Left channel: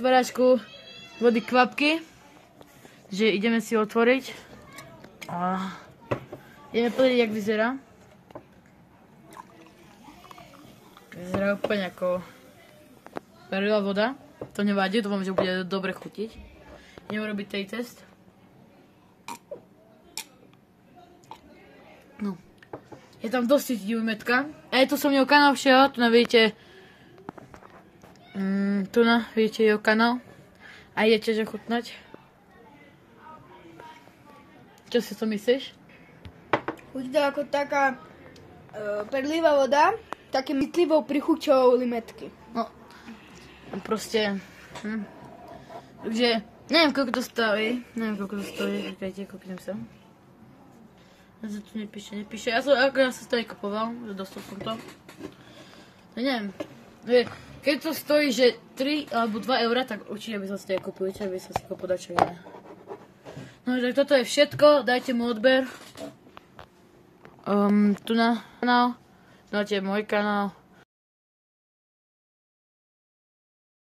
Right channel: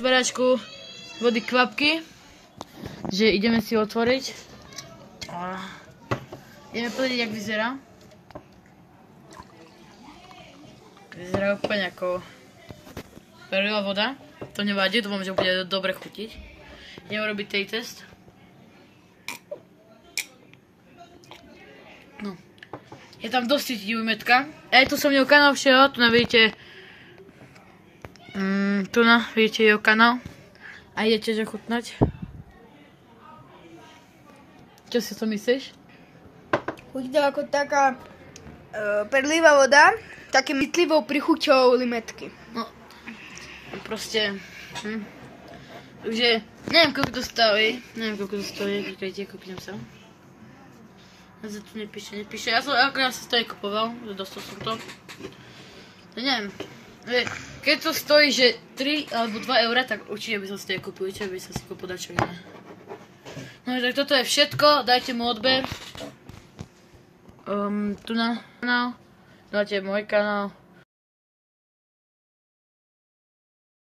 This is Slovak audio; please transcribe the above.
otváračku vody kvapky, že ideme si otvoriť. Ideme povedať, jak vyzerá. Vyzerá úplne ako perlová voda. To nevadí, dúfam, že bude dobre chutiť. Ideme robiť tej test. No. Je tam dosť cítiť metka. Aj tu som mňou kanál všeho, tu vidíte. Tu vidíte jeho kanál. A idete že chutnať. Čo si to myslíš? Chutí to ako taká perlivá voda, také mytlivou prichuťou limetky. No, proste, takže, neviem koľko to stojí, čakajte, kúpim sa. Ja sa tu nepíše, ja som akorát sa to aj kupoval, že dostal som to. Neviem, keď to stojí, že 3 alebo 2 eurá, tak určite by som si to aj kúpil, čo by som si kúpil dačo iné. No tak toto je všetko, dajte mu odber. Tu na kanál, dáte môj kanál.